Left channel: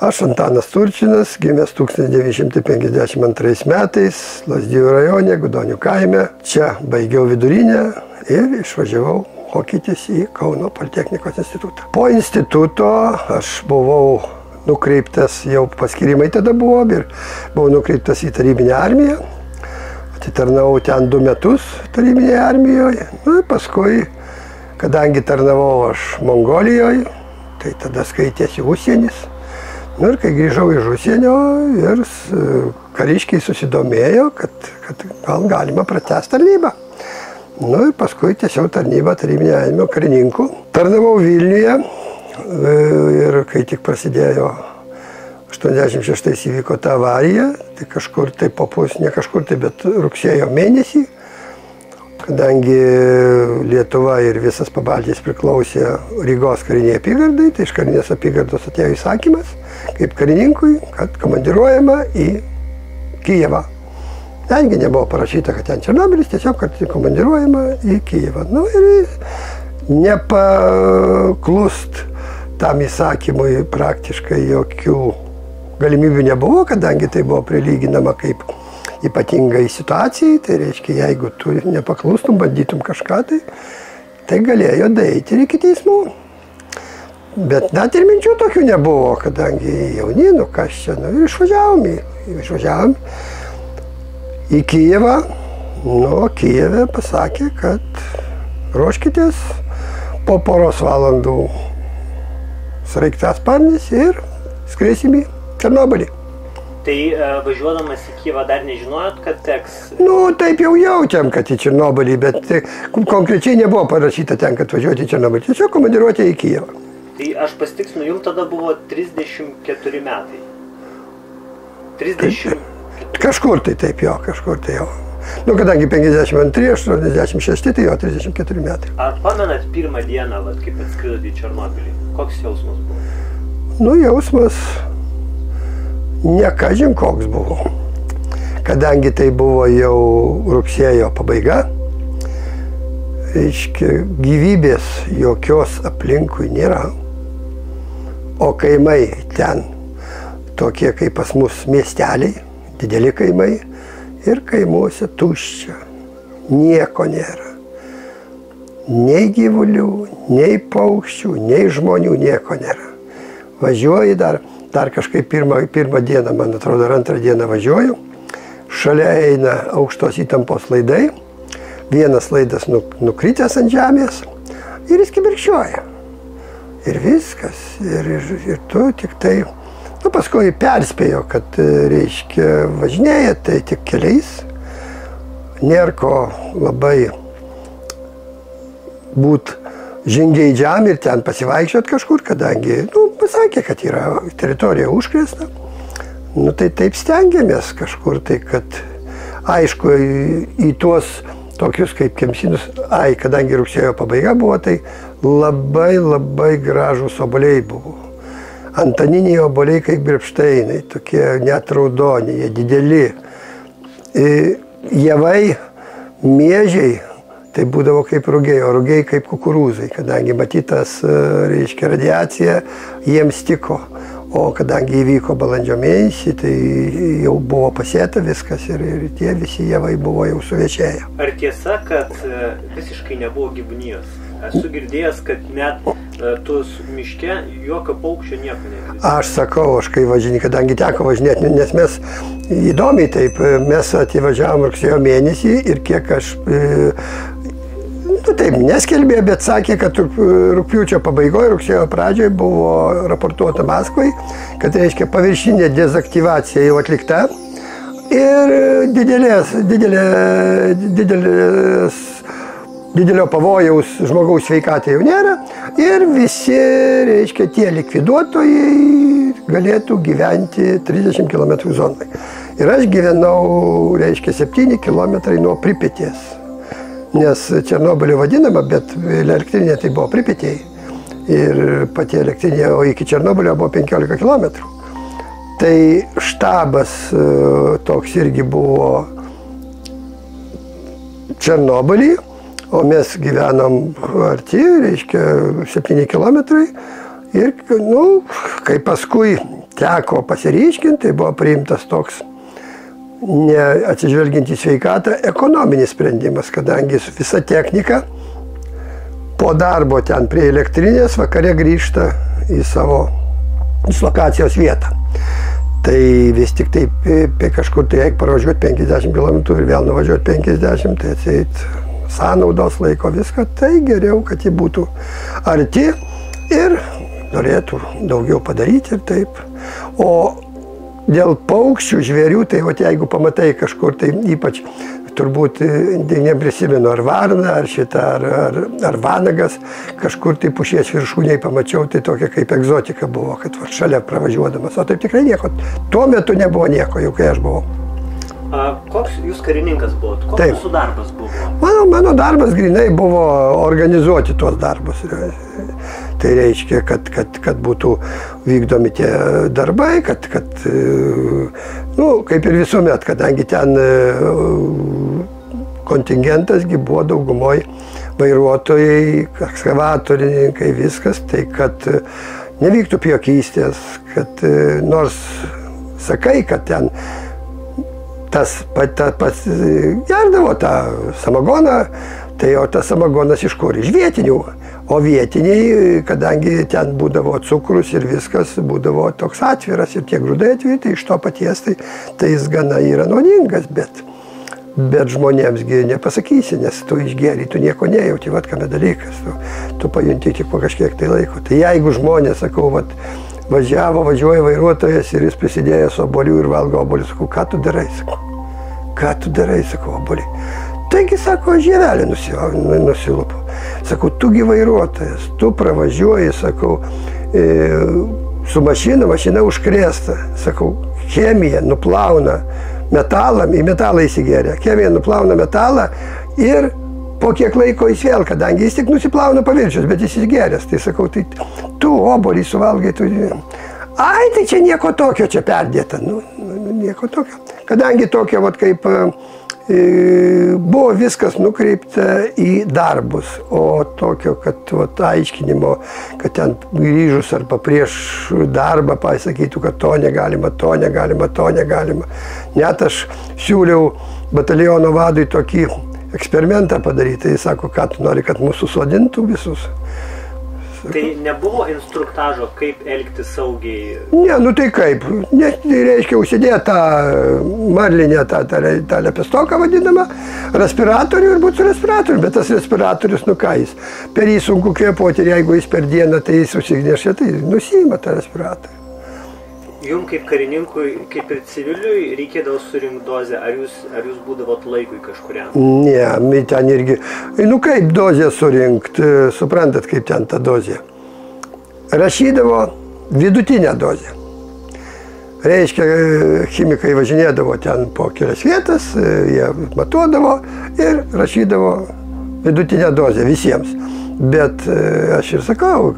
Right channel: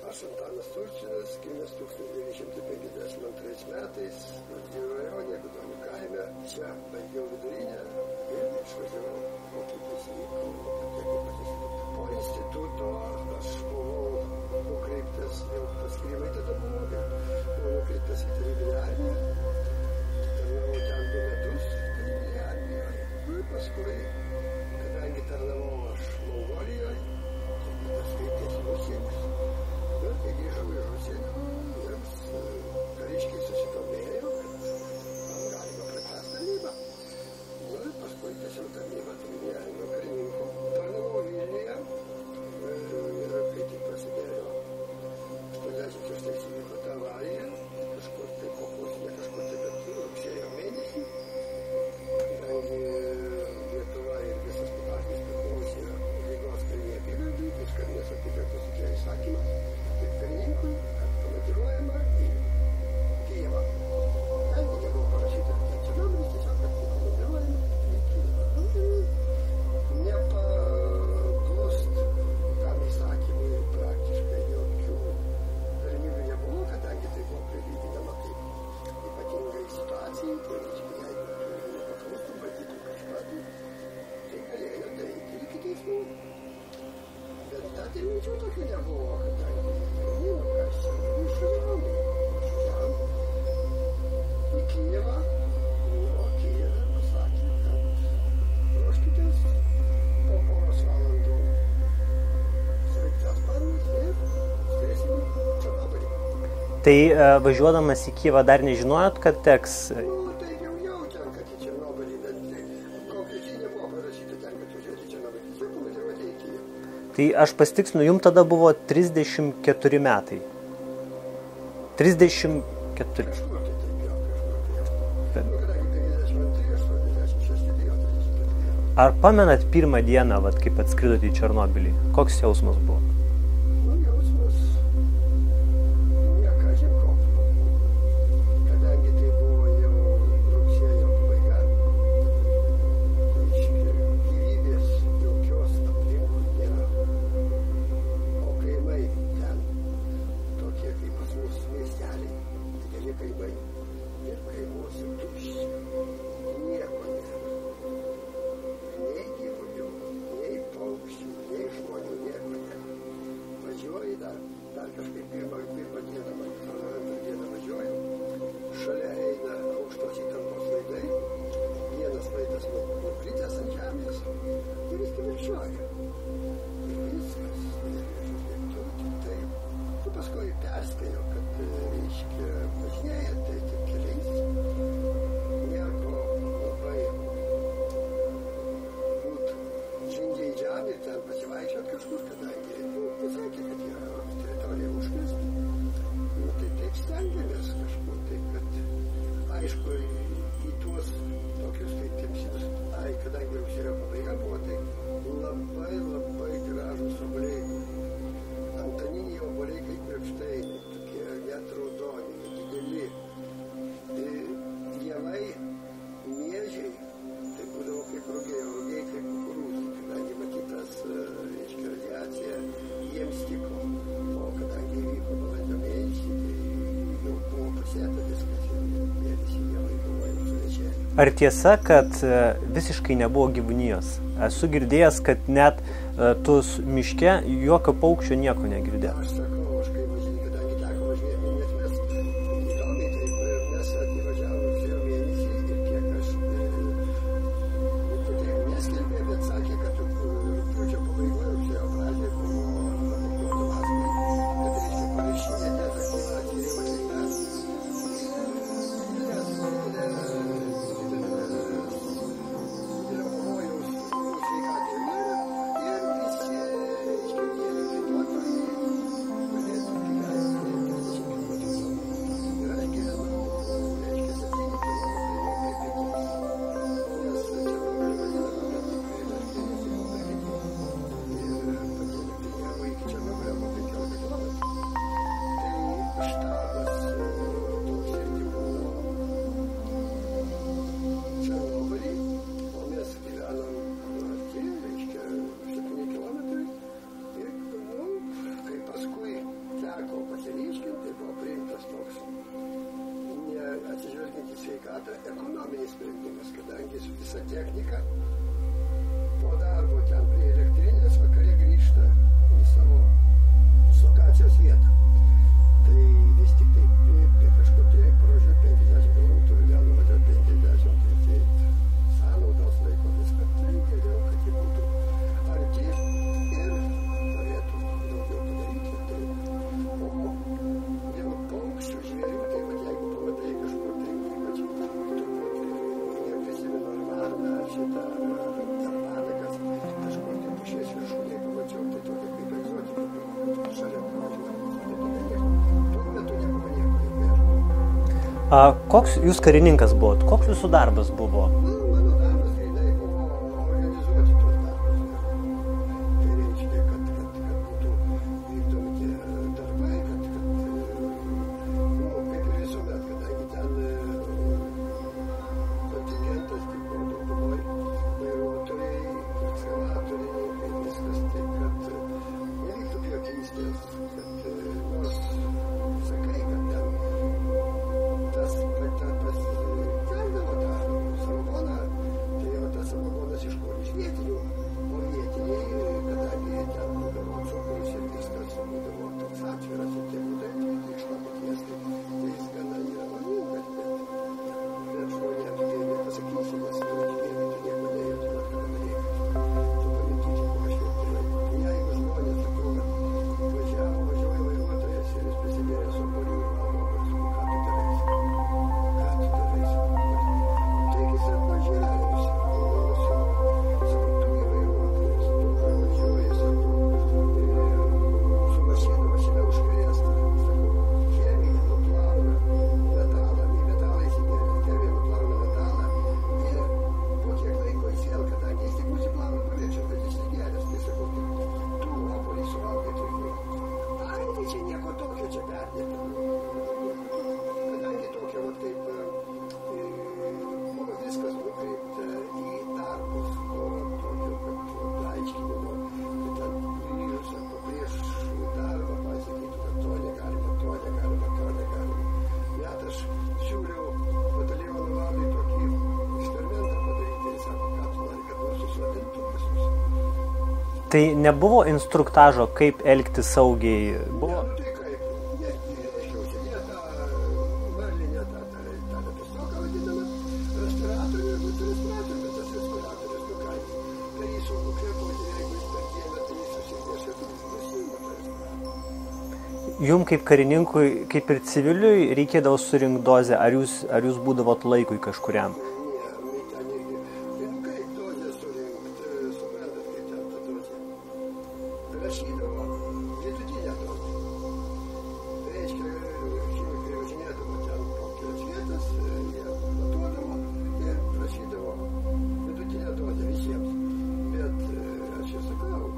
Aš Antanas Turčinas, gimęs 1952 metais, Lazdijų rajone, Gudonių kaime. Čia baigiau vidurinę ir išvažiavau mokytis į Kauno Politechnikos institutą. Po instituto aš buvau nukreiptas, jau paskirimai tada buvo, ir buvau nukreiptas į tarybinę armiją. Atitarnavau ten 2 metus tarybinėje armijoje. Ir paskui, kadangi tarnavau aš Mongolijoje, tai tada skaitėsi užsienis. Ir kai grįžau iš užsienio, ir kariškiai susidomėjo, kad gal galima pratęsti tarnybą. Ir paskui tiesiog tarnybą tarybinė armija karininkų. Tarnavau Vilniuje ir kai tik prasidėjo 86 įvyko ta avarija, tai kažkur tai ne kažkur tai, bet rugsėjo mėnesį, kadangi Lietuva ir visas Pabaltijos priklausė Rygos kariniai apygardai, tai iš karinės apygardos atėjo įsakymas, kaip karininkui, kad komandiruojama į Kijevą. Tengi nebuvo parašyta, kad ten Černobylis, tiesiog, kad komandiruojama į Kijevą. Ir nepaklust tam įsakymui praktiškai jokių galimybių nebuvo, kadangi tai buvo prilyginama kaip ypatingai situacijai, tai reiškia, jeigu tu nepaklustum, bandytum kažką, tai galėjo daeiti ir iki teismų. Bet net ir minčių tokių nebuvo, kadangi jauni, kas čia, išvažiavom į Kijevą. Kijeve pasakė, kad ruoškitės po poros valandų sraigtasparnis ir skriesim į Černobylį. Tai važiuodamas į Kijevą dar nežinojot, kad teks? Taip jau jautėm, kad į Černobylį, bet konkrečiai nebuvo parašyta ten, kad važiuoti į Černobylį. Tiesiog komandiruotė į Kijevą. Tai aš pasitiksinu, jums tada buvo 34 metai. 34. Kažkur tai taip jo, kažkur tai jau. Kadangi 52, 86, tai jo 34 metai. Ar pamenat pirmą dieną, kaip atskridot į Černobylį? Koks jausmas buvo? Jausmas ne kažin koks buvo. Kadangi tai buvo jau rugsėjo pabaiga, reiškia, gyvybės jokios aplinkui nėra, o kaimai ten tokie kaip pas mus miesteliai, dideli kaimai, ir kaimuose tuščia, nieko nėra. Nei gyvulių, nei paukščių, nei žmonių nieko nėra. Važiuoji dar kažkaip pirmą dieną, man atrodo, ar antrą dieną važiuoju, šalia eina aukštos įtampos laidai, vienas laidas nukritęs ant žemės ir jis kibirkščiuoja. Ir viskas. Ir tu tik tai, paskui perspėjo, kad, reiškia, važinėja tai tik keliais. Nėra ko labai būt žingeidžiam ir ten pasivaikščiot kažkur, kadangi, pasakė, kad yra teritorija užkrėsta. Tai taip stengiamės kažkur, tai kad, aišku, į tuos tokius kaip Kemsinus, kadangi rugsėjo pabaiga buvo, tai labai gražūs obuoliai buvo. Antaniniai obuoliai kaip grepšteinai, tokie net raudoni, jie dideli. Javai, miežiai, tai būdavo kaip rugiai, o rugiai kaip kukurūzai, kadangi matytas, reiškia, radiacija jiems tiko. O kadangi įvyko balandžio mėnesį, tai jau buvo pasėta viskas ir tie visi javai buvo jau suvečėję. Ar tiesa, kad visiškai nebuvo gyvūnijos? Esu girdėjęs, kad net tuos miške jokio paukščio nieko negirdėjau. Aš sakau, kai važinėjau, kadangi teko važinėti, nes mes įdomiai taip, mes atvažiavom rugsėjo mėnesį ir kiek aš taip neskelbė, bet sakė, kad rugpjūčio pabaigoje, rugsėjo pradžioje buvo raportuota Maskvai, kad, reiškia, paviršinė dezaktyvacija jau atlikta ir didelio pavojaus žmogaus sveikatai jau nėra ir visi, reiškia, tie likviduotojai galėtų gyventi 30 km zonai. Ir aš gyvenau, reiškia, 7 km nuo Pripetės. Nes Černobylio vadinama, bet elektrinė tai buvo Pripetėje. Ir pati elektrinė, o iki Černobylio buvo 15 km. Tai štabas toks irgi buvo Černobylį, o mes gyvenom arti, reiškia, 7 km. Ir, kai paskui teko pasiryškinti, tai buvo priimtas toks neatsižvelgiant į sveikatą ekonominis sprendimas, kadangi visa technika po darbo ten prie elektrinės vakare grįžta į savo dislokacijos vietą. Tai vis tik tai kažkur tai reikia pravažiuoti 50 km ir vėl nuvažiuoti 50, tai atseit sąnaudos laiko viską, tai geriau, kad ji būtų arti ir norėtų daugiau padaryti ir taip. O dėl paukščių, žvėrių, tai jeigu pamatai kažkur, tai ypač turbūt neprisimenu, ar varna, ar šitą, ar vanagas, kažkur tai pušies viršūniai pamačiau, tai tokia kaip egzotika buvo, kad šalia pravažiuodamas. O taip tikrai nieko, tuo metu nebuvo nieko, jau kai aš buvau. Koks jūs karininkas buvot? Koks jūsų darbas buvo? Mano darbas grinai buvo organizuoti tuos darbus. Tai reiškia, kad būtų vykdomi tie darbai, kad kaip ir visuomet, kadangi ten kontingentasgi buvo daugumoj vairuotojai, ekskavatorininkai, viskas, tai kad nevyktų pjokystės, kad nors sakai, kad ten tas pats gerdavo tą samagoną, tai o tas samagonas iš kur? Iš vietinių. O vietiniai, kadangi ten būdavo cukrus ir viskas, būdavo toks atviras ir tie grūdai atviri, tai iš to paties, tai jis gana yra nuodingas, bet žmonėmsgi nepasakysi, nes tu išgeri, tu nieko nejauti, kame dalykas, tu pajunti tik po kažkiek tai laiko. Tai jeigu žmonės, sakau, važiuoja vairuotojas ir jis prisidėjo su obuoliu ir valgo obuoliu, sakau, ką tu darai, sakau, obuolį. Taigi, sako, žievelį nusilupu. Sakau, tugi vairuotojas, tu pravažiuoji, sakau, su mašina užkrėsta. Sakau, chemija nuplauna metalą, į metalą įsigeria. Chemija nuplauna metalą ir po kiek laiko jis vėl, kadangi jis tik nusiplauna paviršius, bet jis įsigeręs. Tai sakau, tai tu obuolį suvalgai, tu... Ai, tai čia nieko tokio čia perdėta. Nieko tokio. Kadangi tokio, kaip... buvo viskas nukreipta į darbus, o tokio, kad aiškinimo, kad ten grįžus arba prieš darbą pasakytų, kad to negalima. Net aš siūliau bataliono vadui tokį eksperimentą padaryti, jis sako, ką tu nori, kad mūsų sodintų visus. Tai nebuvo instruktažo, kaip elgtis saugiai? Ne, tai kaip. Tai reiškia, užsidėti tą marlinę, tą lepistoką vadinamą, respiratorių ir būtų su respiratoriu, bet tas respiratorius, ką jis, per jį sunku kvėpuoti ir jeigu jis per dieną, tai jis užsignešia, tai nusiima tą respiratorių. Jums kaip karininkui, kaip ir civiliui, reikėdavo surinkti dozę, ar jūs būdavot laikui kažkuriam? Ne, ten irgi, kaip dozę surinkti, suprantat, kaip ten ta dozė. Rašydavo vidutinę dozę. Reiškia, chemikai važinėdavo ten po kelias vietas, jie matuodavo ir rašydavo vidutinę dozę visiems. Bet aš ir sakau,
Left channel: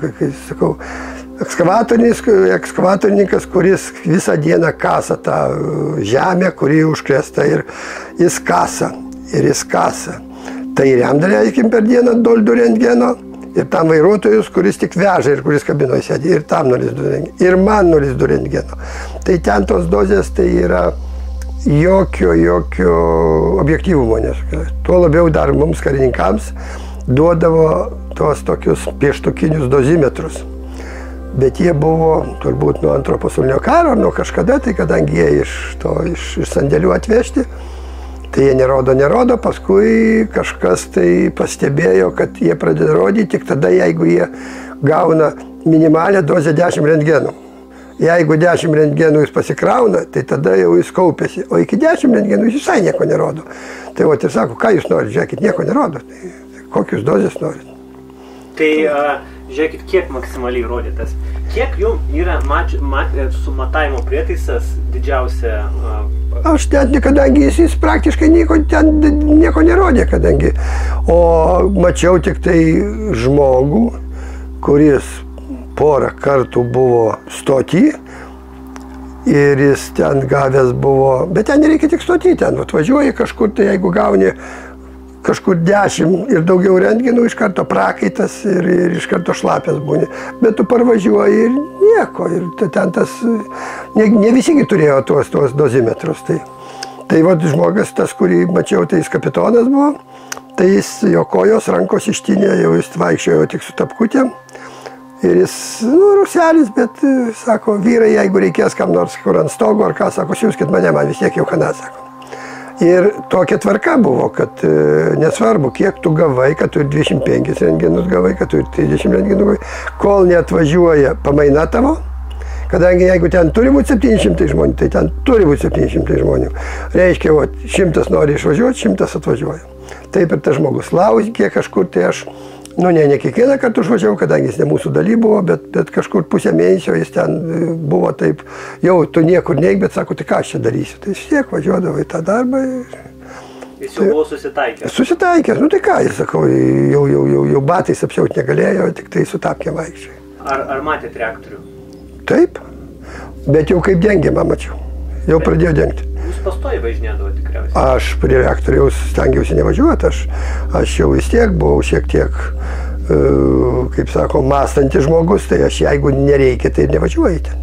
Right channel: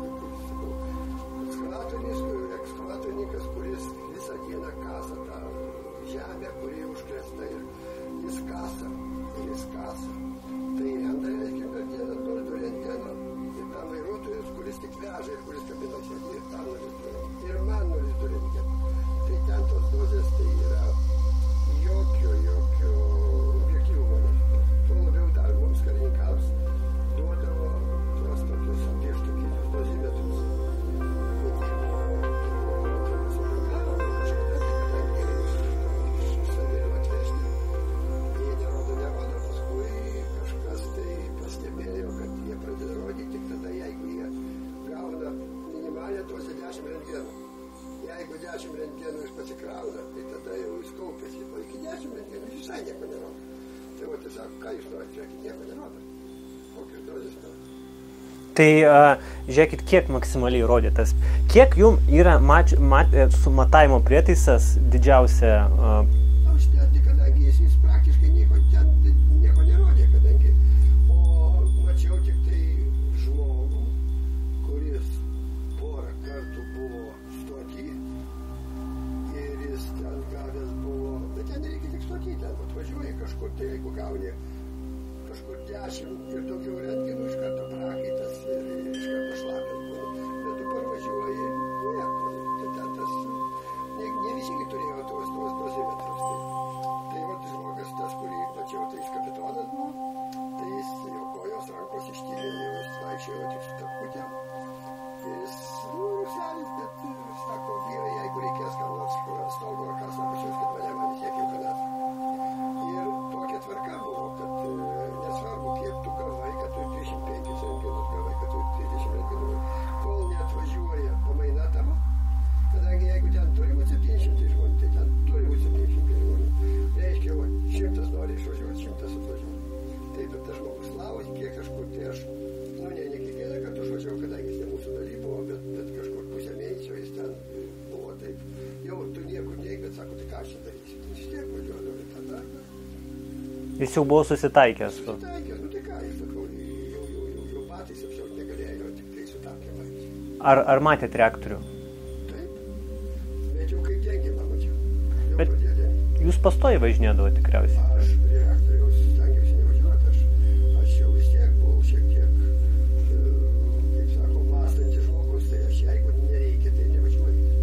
ekskavatorininkas, kuris visą dieną kasa tą žemę, kuri užkrėsta ir jis kasa. Tai jam daleiskim per dieną 2 rentgeno ir tam vairuotojus, kuris tik veža ir kuris kabinoje sėdi, ir tam 0,2 rentgeno. Ir man 0,2 rentgeno. Tai ten tos dozės tai yra jokio objektyvumo. Tuo labiau dar mums karininkams duodavo tos tokius pieštukinius dozimetrus. Bet jie buvo turbūt nuo Antro pasaulinio karo, nuo kažkada, tai kadangi jie iš sandėlių atvežti, tai jie nerodo, paskui kažkas tai pastebėjo, kad jie pradeda rodyti tik tada, jeigu jie gauna minimalią dozę 10 rentgenų. Jeigu 10 rentgenų jis pasikrauna, tai tada jau jis kaupėsi, o iki 10 rentgenų jis visai nieko nerodo. Tai ir sako, ką jūs norite, žiūrėkit, nieko nerodo, tai kokius dozės norite. Tai žiūrėkit, kiek maksimaliai rodytas. Kiek jums yra su matavimo prietaisas didžiausia? Aš net, kadangi jis praktiškai nieko nerodė, kadangi. O mačiau tik tai žmogų, kuris porą kartų buvo stoty ir jis ten gavęs buvo, bet ten nereikia tik stoty, ten atvažiuoji kažkur, tai jeigu gauni kažkur 10 ir daugiau rentgenų, iš karto prakaitas ir iš karto šlapės būni. Bet tu parvažiuoji ir nieko. Ir ten tas, ne visigi turėjo tuos dozimetrus. Tai vat žmogus, tas, kurį mačiau, tai jis kapitonas buvo, tai jis, jo kojos, rankos ištinė, jau jis vaikščiojo tik su tapkutėm. Ir jis, ruselis, bet, sako, vyrai, jeigu reikės kam nors kur ant stogo ar ką, sako, siūskit mane, man vis tiek jau kana, sako. Ir tokia tvarka buvo, kad nesvarbu, kiek tu gavai, kad tu 25 rentgenus gavai, kad tu 30 rentgenų gavai, kol neatvažiuoja pamaina tavo, kadangi jeigu ten turi būti 700 žmonių, tai ten turi būti 700 žmonių. Reiškia, 100 nori išvažiuoti, 100 atvažiuoja. Taip ir tas žmogus laukė kažkur, tai aš, ne kiekvieną kartą užvažiavau, kadangi jis ne mūsų daly buvo, bet kažkur pusę mėnesio jis ten buvo taip, jau tu niekur neik, bet sako, tai ką aš čia darysiu. Tai vis tiek važiuodavo į tą darbą. Jis jau buvo susitaikęs. Susitaikęs, tai ką, jis sakau, jau batais apsiauti negalėjo, tik tai su tapkėm vaikščiai. Ar matėt reaktorių? Taip, bet jau kaip dengiamą mačiau, jau pradėjo dengti. Jūs pastoji važinėdavo tikriausiai? Aš prie reaktoriaus stengiausi nevažiuoti, aš jau vis tiek buvau šiek tiek, kaip sako, mąstantis žmogus, tai aš jeigu nereikia, tai nevažiuoju ten.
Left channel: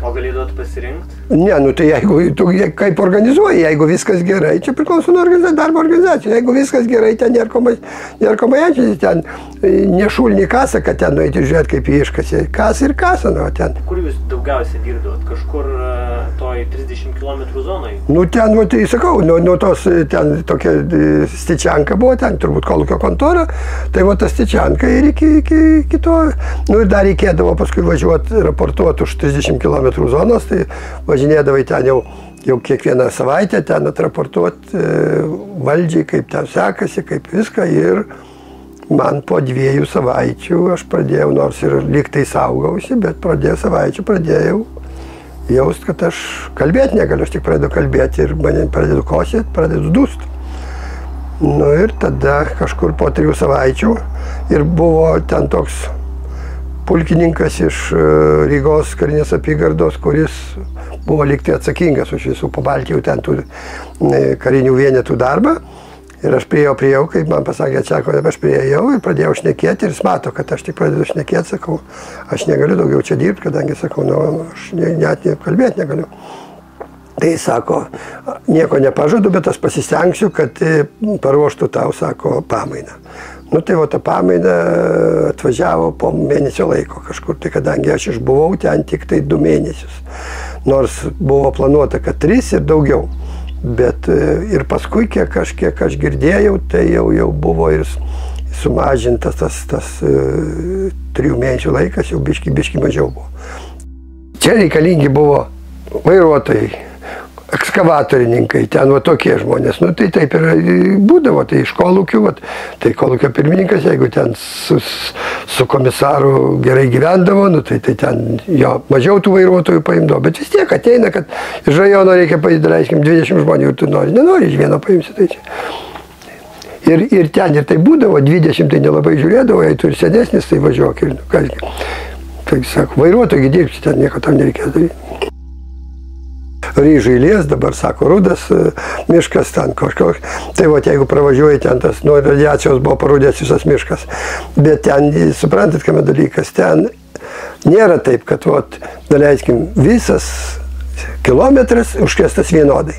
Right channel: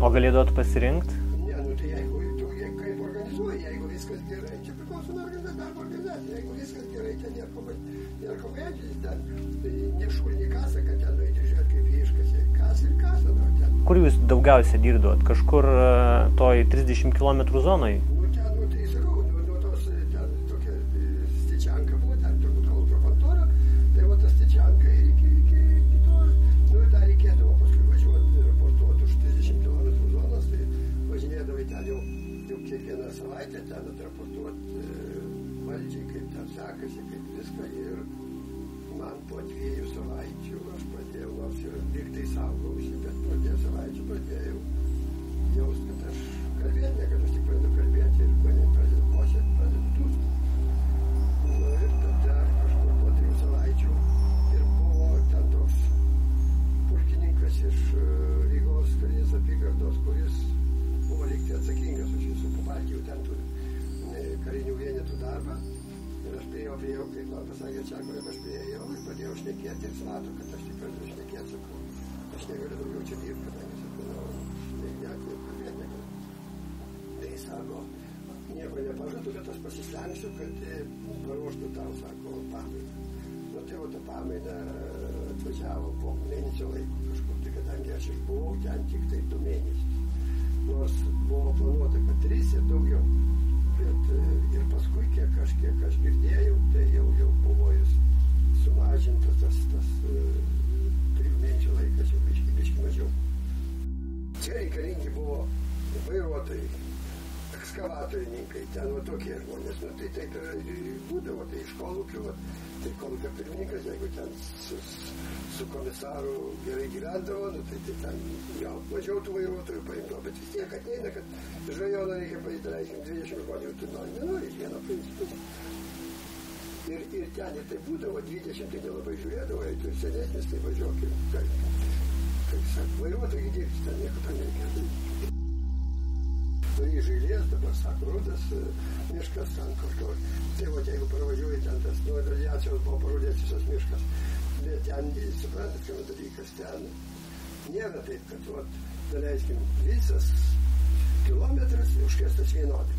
O galėdavot pasirinkti? Ne, tai jeigu tu kaip organizuoji, jeigu viskas gerai, čia priklauso nuo darbo organizacijų, jeigu viskas gerai, ten nėra ko majančiai, ten nešulni kasą, kad ten nueiti žiūrėti, kaip jį iškasė, kas ir kasą, ten. Kur jūs daugiausiai dirbdavot? Kažkur toj 30 km zonai? Ten, tai sakau, nuo tos, ten tokia Stičianka buvo, ten turbūt kolūkio kontora, tai ta Stičianka ir iki to, ir dar reikėdavo paskui važiuoti, raportuoti už 30 km zonos, tai važinėdavai ten jau kiekvieną savaitę ten atraportuoti valdžiai, kaip ten sekasi, kaip viską. Ir man po 2 savaičių aš pradėjau, nors ir lyg tai saugausi, bet pradėjau jaust, kad aš kalbėti negaliu, aš tik pradedu kalbėti ir mane pradedu kosėti, pradedu dūst. Ir tada kažkur po 3 savaičių ir buvo ten toks pulkininkas iš Rygos karinės apygardos, kuris buvo liktai atsakingas už visų Pabaltijų ten tų karinių vienetų darbą. Ir aš priėjau, kaip man pasakė, aš priėjau ir pradėjau šnekėti ir jis mato, kad aš tik pradedu šnekėti, sakau, aš negaliu daugiau čia dirbti, kadangi, sakau, aš net kalbėti negaliu. Tai sako, nieko nepažadu, bet aš pasistengsiu, kad paruoštų tau, sako, pamainą. Tai ta pamaina atvažiavo po mėnesio laiko kažkur, tai kadangi aš išbuvau ten tik tai 2 mėnesius. Nors buvo planuota, kad 3 ir daugiau. Bet ir paskui, kiek aš girdėjau, tai jau buvo ir sumažintas tas 3 mėnesių laikas, jau biški mažiau buvo. Čia reikalingi buvo vairuotojai, ekskavatorininkai, ten tokie žmonės. Tai taip ir būdavo, tai iš kolūkių, tai kolūkio pirmininkas, jeigu ten su komisaru gerai gyvendavo, tai ten jo mažiau tų vairuotojų paimdavo, bet vis tiek ateina, kad iš rajono reikia padaryti 20 žmonių ir tu nenori iš vieno paimsi, tai čia. Ir ten ir tai būdavo, 20 tai nelabai žiūrėdavo, jei tu ir senesnis, tai važiuok. Tai sako, vairuotojai dirbsi, ten nieko tam nereikės daryti. Ryžų eilės, dabar sako, rudas miškas ten kažkoks. Tai jeigu pravažiuoji ten, tas nuo radiacijos buvo parudęs visas miškas. Bet ten, suprantat, kame dalykas, ten nėra taip, kad, daleiskim, visas kilometras užkestas vienodai.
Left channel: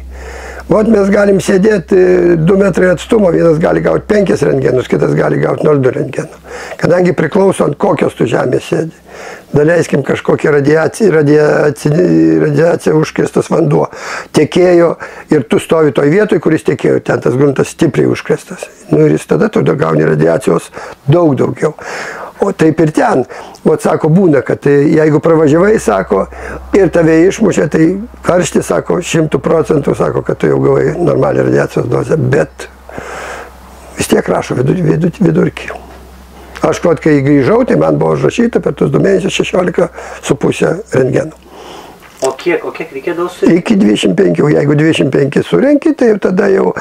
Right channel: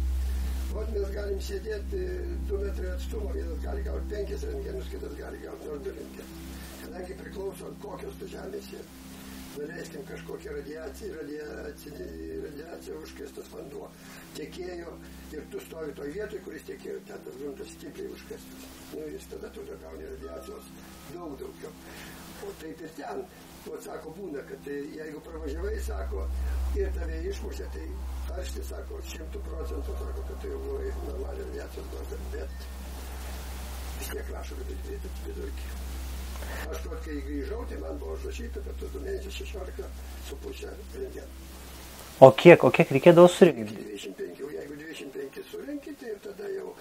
Mes galim sėdėti 2 metrai atstumo, vienas gali gauti 5 rentgenus, kitas gali gauti 0,2 rentgenų. Kadangi priklauso ant kokios tu žemės sėdi. Daleiskim, kažkokia radiacija užkrestas vanduo tekėjo ir tu stovi toj vietoj, kuris tekėjo, ten tas gruntas stipriai užkrestas. Ir jis tada tu gauni radiacijos daug daugiau. O taip ir ten, sako, būna, kad jeigu pravažiavai, sako, ir tave išmušė, tai karšti, sako, 100%, sako, kad tu jau gavai normalią radiacijos dozę, bet vis tiek rašo vidurkį. Aš, kai grįžau, tai man buvo užrašyta per tuos 2 mėnesius 16,5 rentgenų. O kiek reikėdavo surinkti? Iki 25, jeigu 25 surenki, tai tada jau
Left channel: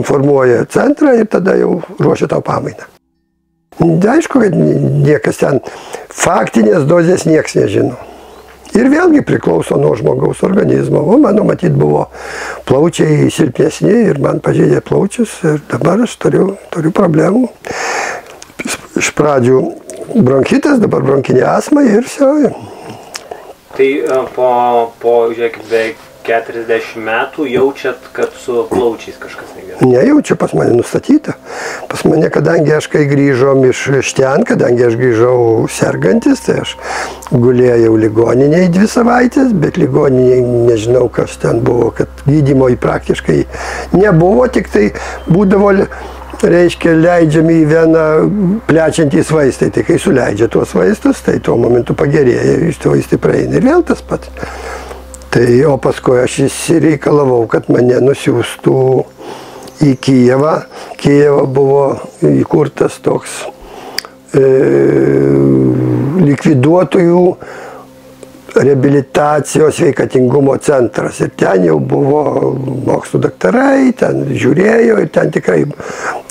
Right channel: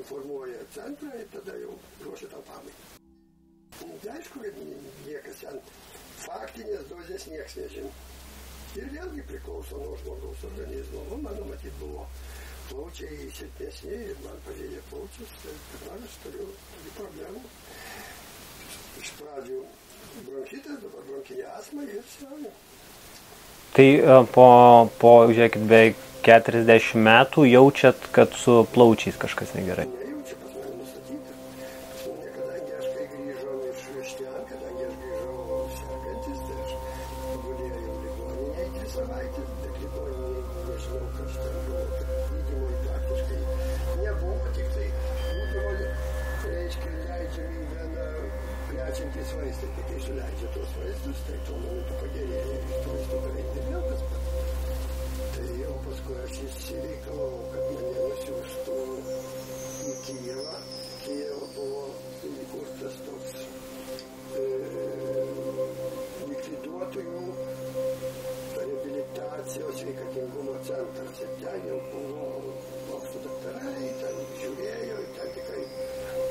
informuoja centrą ir tada jau ruošia tau pamainą. Aišku, kad niekas ten faktinės dozės nieks nežino. Ir vėlgi priklauso nuo žmogaus organizmo. O mano matyt buvo plaučiai silpnesni ir man pažeidė plaučius ir dabar aš turiu problemų. Iš pradžių bronchitas, dabar bronkinė astma ir siauja. Tai po žiūrėkit, beveik 40 metų jaučiat, kad su plaučiais kažkas negerai? Nejaučiu, pas mane nustatyta. Pas mane, kadangi aš kai grįžom iš ten, kadangi aš grįžau sergantis, tai aš gulėjau ligoninėje 2 savaitės, bet ligoninėje nežinau, kas ten buvo, kad gydymo praktiškai nebuvo, tik tai būdavo, reiškia, leidžiami į veną plečiantys vaistai. Tai kai suleidžia tuos vaistus, tai tuo momentu pagerėja, iš to vaistai praeina ir vėl tas pats. Tai, o paskui aš įsireikalavau, kad mane nusiųstų į Kijevą. Kijevą buvo įkurtas toks likviduotojų reabilitacijos sveikatingumo centras. Ir ten jau buvo mokslų daktarai, ten žiūrėjo ir ten tikrai.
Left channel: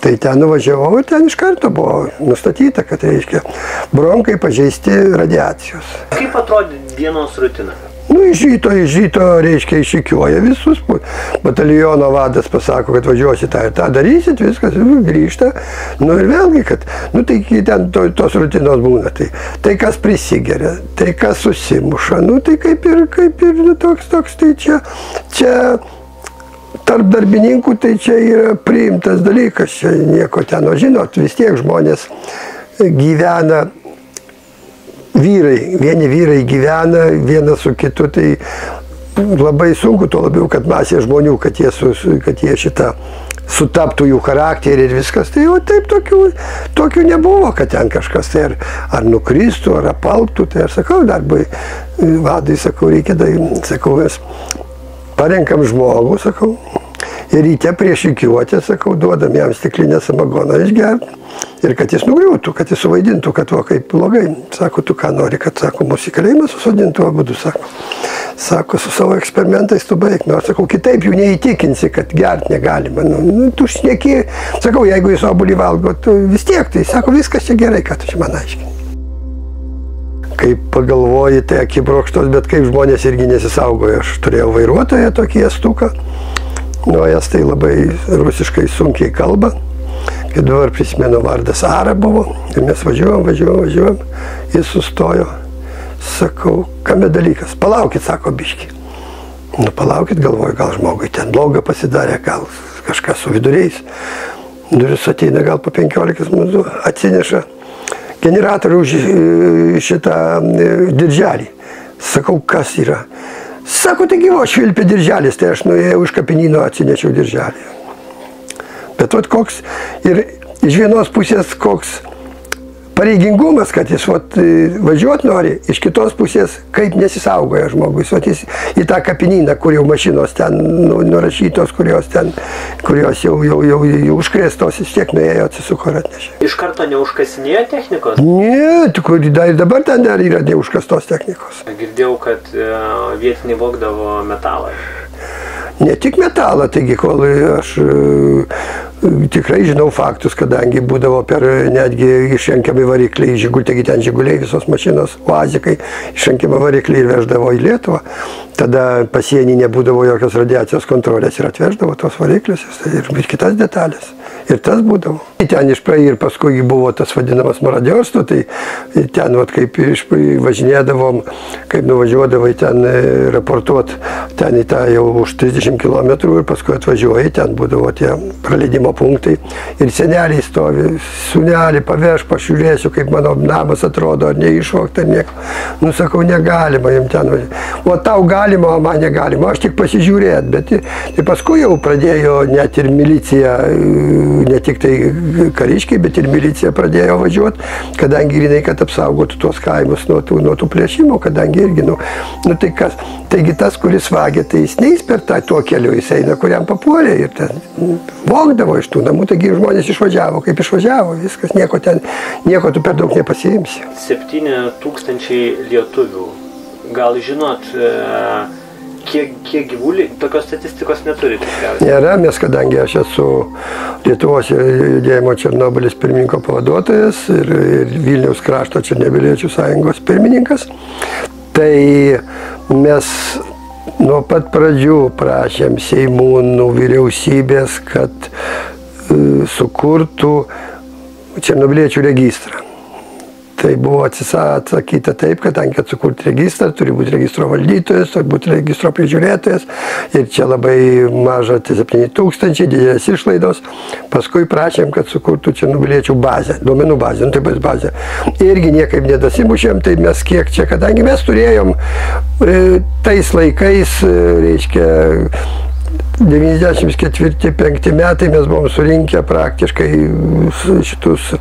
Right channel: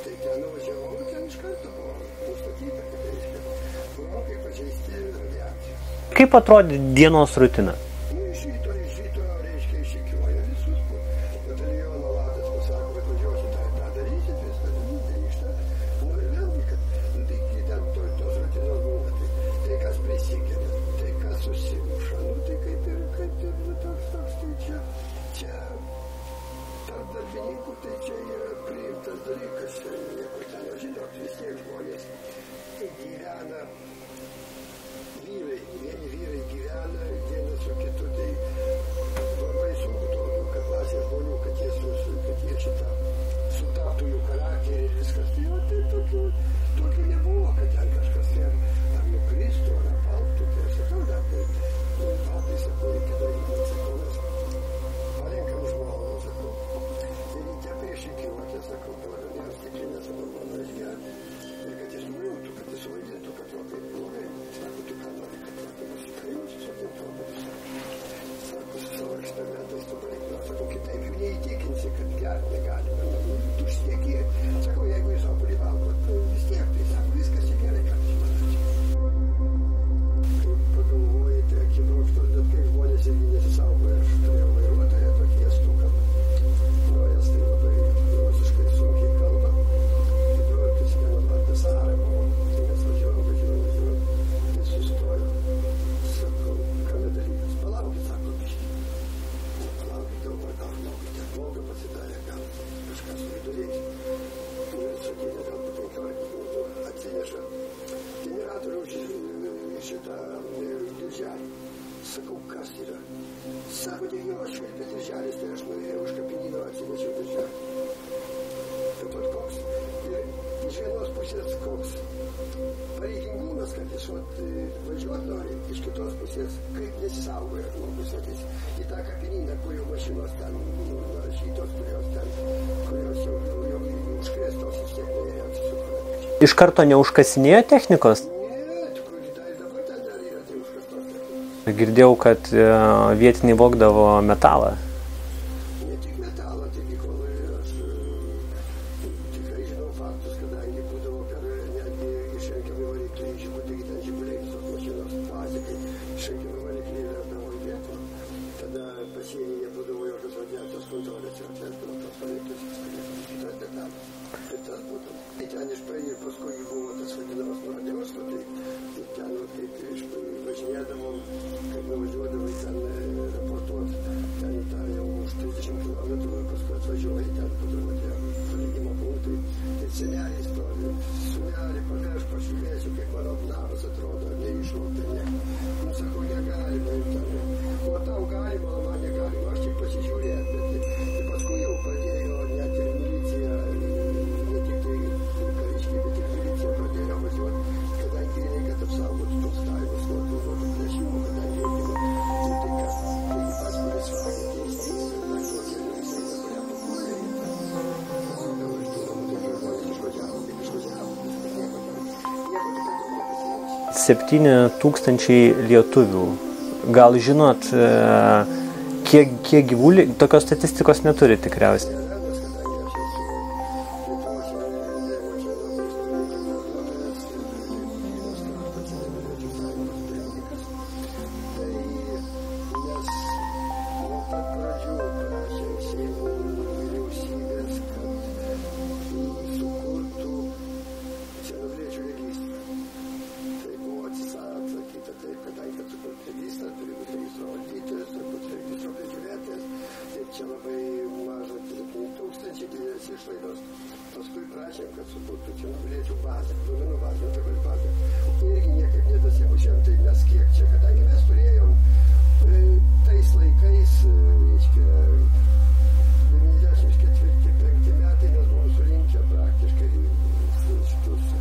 Tai ten nuvažiavau ir ten iš karto buvo nustatyta, kad, reiškia, bronkai pažeisti radiacijos. Kaip atrodė dienos rutina? Nu, iš ryto, reiškia, išrikiuoja visus. Bataliono vadas pasako, kad važiuosi tą ir tą darysit, viskas, grįžta. Nu ir vėlgi, kad, nu tai ten tos rutinos būna. Tai kas prisigeria, tai kas susimuša, nu tai kaip ir nu, toks, tai čia tarp darbininkų, tai čia yra priimtas dalykas, čia nieko ten, o žinot, vis tiek žmonės gyvena. Vieni vyrai gyvena vienas su kitu, tai labai sunku, tuo labiau, kad masė žmonių, kad jie šitą sutaptų jų charakterį ir viskas. Tai jau taip tokių nebuvo, kad ten kažkas tai ar nukristų, ar apalptų. Tai aš sakau, darbai vadai, sakau, reikia, sakau, mes parenkam žmogų, sakau, ir ryte prieš rikiuotę, sakau, duodam jam stiklinę samagoną išgerti. Ir kad jis nugriūtų, kad jis suvaidintų, kad va kaip blogai. Sako, tu ką nori, kad, sako, mūsų į kalėjimą susodintų abudu, sako. Sako, su savo eksperimentais tu baig. Nu, aš sakau, kitaip jų neįtikinsi, kad gert negalima. Nu, tu šneki, sakau, jeigu jis obuolį valgo, tu vis tiek, tai sako, viskas čia gerai, ką tu čia man aiškini. Kaip pagalvoji, tai akibrokštos, bet kaip žmonės irgi nesisaugoja. Aš turėjau vairuotoją tokį estuką, nu, jas tai labai rusiškai sunkiai kalba. Ir dabar prisimenu, vardas Ara buvo, ir mes važiuojam, jis sustojo, sakau, kame dalykas, palaukit, sako, biški. Nu, palaukit, galvoju, gal žmogui ten bloga pasidarė, gal kažkas su viduriais. Duris ateina gal po 15 minutų, atsineša generatorių už šitą dirželį. Sakau, kas yra? Sako, tai gyvo švilpė dirželis, tai aš nuėjau iš kapinyno, atsinešiau dirželį. Bet vat koks ir iš vienos pusės koks pareigingumas, kad jis važiuot nori, iš kitos pusės kaip nesisaugoja žmogus. Jis į tą kapinyną, kur jau mašinos ten nurašytos, kurios jau užkrėstos, vis tiek nuėjo, atsisuko ir atnešė. Iš karto neužkasinėjo technikos? Ne, dabar ten dar yra neužkastos technikos. Girdėjau, kad vietiniai vogdavo metalą. Ne tik metalą, taigi kol aš tikrai žinau faktus, kadangi būdavo netgi išrenkiami varikliai, taigi ten žiguliai, visos mašinos, uazikai, išrenkiami varikliai ir veždavo į Lietuvą. Tada pasienį nebūdavo jokios radiacijos kontrolės ir atveždavo tos variklius ir kitas detalės. Ir tas būdavo. Ten ir paskui buvo tas vadinamas maradiorstvo, tai ten kaip važinėdavom, kaip nuvažiuodavai ten raportuot, ten į tą jau už 30 km ir paskui atvažiuoji, ten būdavo tie praleidimo punktai. Ir seneliai stovi, sūnelį paveš, pažiūrėsiu, kaip mano namas atrodo, ar neišvogta, nieko. Nu, sakau, negalima jums ten važiuoti. O tau galima, o man negalima, aš tik pasižiūrėt, bet tai paskui jau pradėjo net ir milicija, ne tik tai kariškiai, bet ir milicija pradėjo važiuoti, kadangi grinai, kad apsaugotų tuos kaimus nuo tų plėšimų, kadangi irgi, tai kas. Taigi tas, kuris vagė, tai jis neis per tuo keliu, jis eina, kuriam papuolė ir ten vogdavo iš tų namų, taigi žmonės išvažiavo, kaip išvažiavo, viskas, nieko tu per daug nepasiimsi. 7,000 lietuvių. Gal žinot, kiek gyvulių, tokios statistikos neturi tikriausiai? Nėra, nes kadangi aš esu Lietuvos judėjimo Černobylis pirmininko pavaduotojas ir Vilniaus krašto Černobyliečių sąjungos pirmininkas, Tai mes nuo pat pradžių prašėm Seimūnų, vyriausybės, kad sukurtų černobiliečių registrą. Tai buvo atsakyta taip, kadangi kad sukurti registrą, turi būti registro valdytojas, turi būti registro prižiūrėtojas ir čia labai maža, 7 000, didelės išlaidos. Paskui prašėm, kad sukurtų černobiliečių bazę, duomenų bazę, tai bus bazė. Irgi niekaip nedasimušėm, tai mes kiek čia, kadangi mes turėjom tais laikais, reiškia, 94-95 metai mes buvom surinkę praktiškai šitus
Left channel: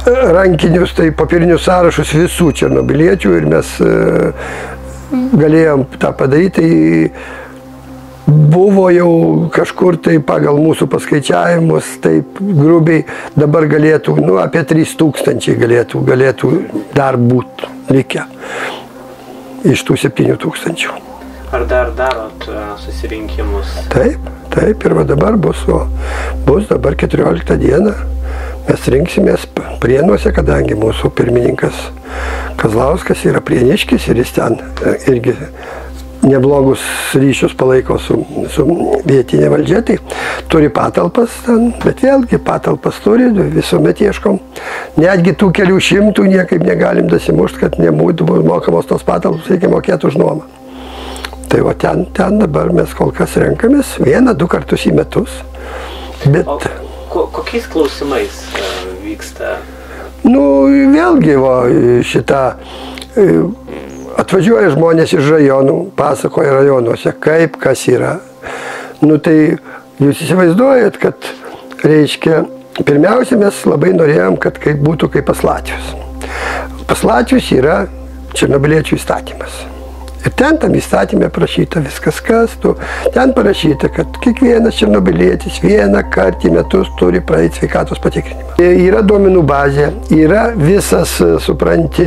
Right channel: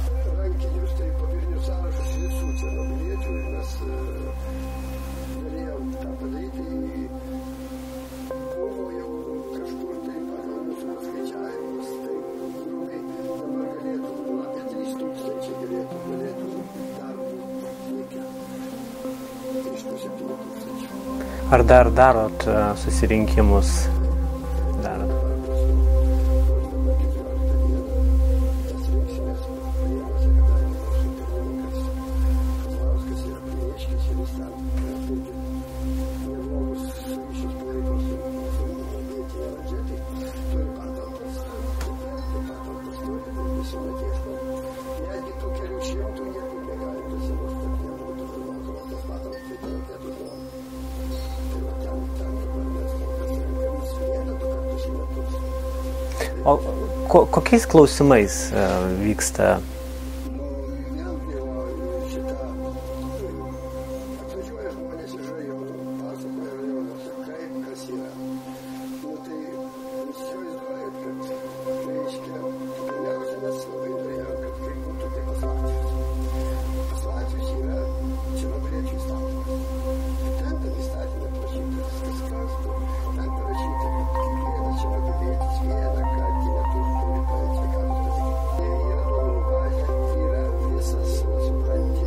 rankinius, tai papirinius sąrašus visų černobiliečių ir mes galėjom tą padaryti. Tai buvo jau kažkur tai pagal mūsų paskaičiavimus, taip grubiai dabar galėtų, apie 3000 galėtų dar būti likę iš tų 7000. Ar dar darot susirinkimus? Taip, ir va dabar bus dabar 14 dieną. Mes rinksimės Prienuose, kadangi mūsų pirmininkas Kazlauskas yra prieniškis ir jis ten irgi neblogus ryšius palaiko su vietinė valdžia, tai turi patalpas ten, bet vėlgi patalpas turi, visuomet ieškom. Netgi tų kelių šimtų niekaip negalim dasimušti, kad nebūtų mokamos tos patalpos, reikia mokėti už nuomą. Tai va ten dabar mes kol kas renkamės 1-2 kartus į metus. Bet kokiais klausimais vyksta? Vėlgi, atvažiuoja žmonės iš rajonų, pasakoja rajonuose, kaip kas yra. Tai jūs įsivaizduojat, kad, reiškia, pirmiausia, mes labai norėjom, kad būtų kaip pas latvius. Pas latvius yra černobiliečių įstatymas. Ir ten tam įstatymė parašyta viskas, kas tu. Ten parašyta, kad kiekvienas černobilietis 1 kartą į metus turi praeiti sveikatos patikrinimą. Yra duomenų bazė, yra visas, supranti,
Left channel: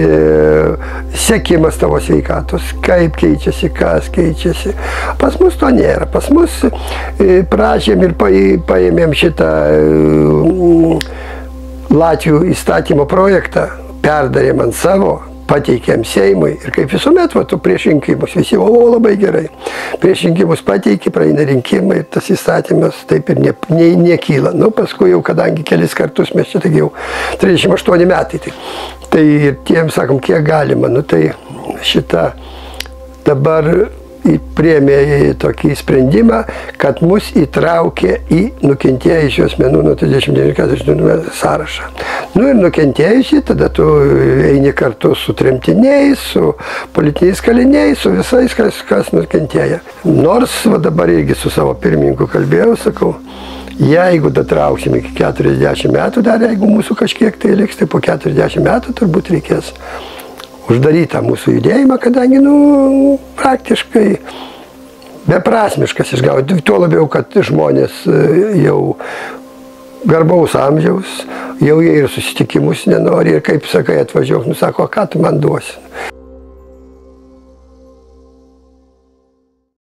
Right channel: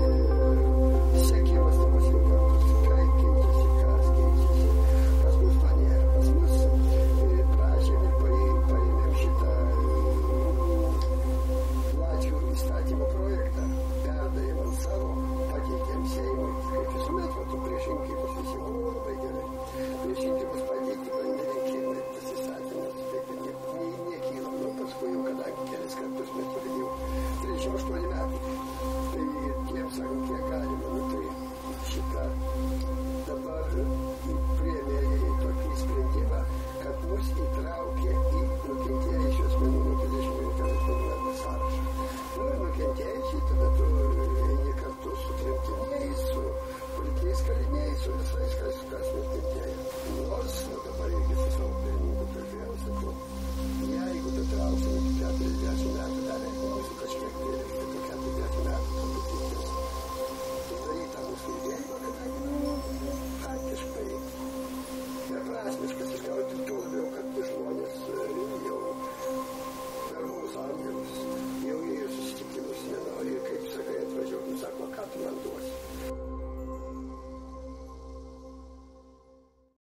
sekimas tavo sveikatos, kaip keičiasi, kas keičiasi. Pas mus to nėra. Pas mus prašėm ir paėmėm šitą Latvių įstatymo projektą, perdarėm ant savo, pateikėm Seimui ir kaip visuomet, prieš rinkimus visi, labai gerai. Prieš rinkimus pateikė, praeina rinkimai ir tas įstatymas taip ir nekyla. Paskui jau, kadangi kelis kartus mes čia, taigi jau 38 metai. Tai ir tiem sakom, kiek galima. Tai šitą dabar priėmė tokį sprendimą, kad mus įtraukė į nukentėjusių asmenų nuo 39-40 sąrašą. Ir nukentėjusi, tada tu eini kartu su tremtiniais, su politiniais kaliniais, su visais, kas nukentėja. Nors dabar irgi su savo pirmininku kalbėjau, sakau, jeigu datrauksim iki 40 metų, dar jeigu mūsų kažkiek tai liks, tai po 40 metų turbūt reikės uždarytą mūsų judėjimą, kadangi, praktiškai beprasmiškas išgauti. Tuo labiau, kad žmonės jau garbaus amžiaus, jau jie ir susitikimus nenori ir kaip sakai atvažiuok, sako, ką tu man duosi.